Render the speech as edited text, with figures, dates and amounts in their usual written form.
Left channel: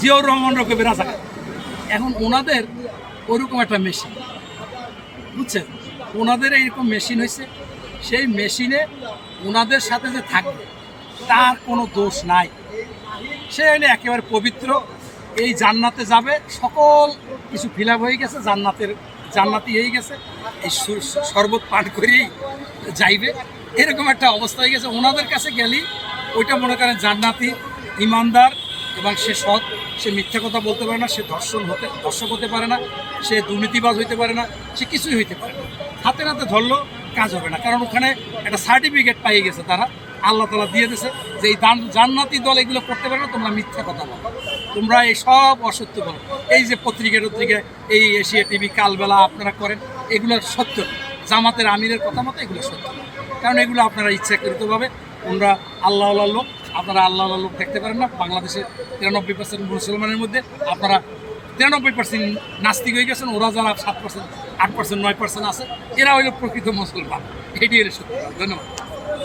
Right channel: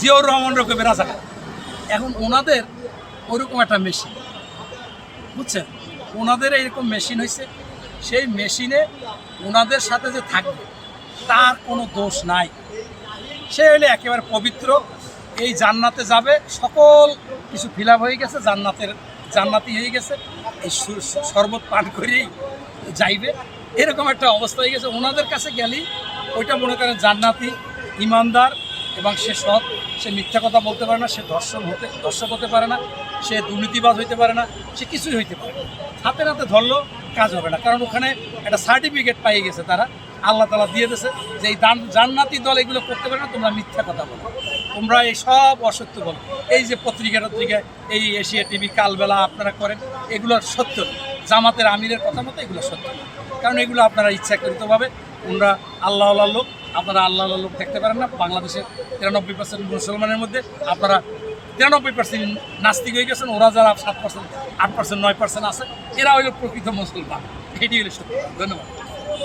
জিয়াউর রহমান রকমের রাজাকার। এখন ওনাদের ওরকম একটা মেশিন, বুঝছেন, ওনাদের এইরকম মেশিন হয়েছে, সেই মেশিনে ওনাদের সাথে যে থাকবে তার কোনো দোষ নাই, সে হলে একেবারে পবিত্র, এই জান্নাতে যাবে, সকল কিছু ফিল আপ হয়ে গেছে, জান্নাতি হয়ে গেছে, এই শরবত পান করেই যাইবে, এরকম একটা অবস্থা হয়ে গেছে। ওনাদের কাছে গেলেই ওইটা মনে করেন জান্নাতি, ইমানদার, এবং সে সৎ, সে মিথ্যা কথা বলতে পারে না, সে দর্শক হতে পারে না, সে দুর্নীতিবাজ হইতে পারে না, সে কিছুই হইতে পারে না। হাতে নাতে ধরলেও কাজ হবে না, কারণ ওখানে একটা সার্টিফিকেট পাই গেছে তারা, আল্লাহ তাআলা দিয়ে দিয়েছে যে এই জান্নাতি দল এগুলো করতে পারে না, তোমরা মিথ্যা কথা বলো, তোমরা এই সব অসত্য বলো। এই যে পত্রিকায় এই এশিয়া টিভি কালবেলা আপনারা করেন, এগুলো সত্য, জামাতের আমিরের কথা মতো এগুলো সত্য, কারণ এগুলো আপনারা ইচ্ছাকৃতভাবে, তোমরা আল্লাহ লোক, আপনারা আল্লাহ লোক দেখতে পারেন না। বাংলাদেশে 93% মুসলমানের মধ্যে আপনারা 93% নাস্তিক হয়ে গেছেন, ওরা যারা 7%, 8%, 9% আছে, এরা হইল প্রকৃত মুসলমান। এটি হলো সত্য। ধন্যবাদ।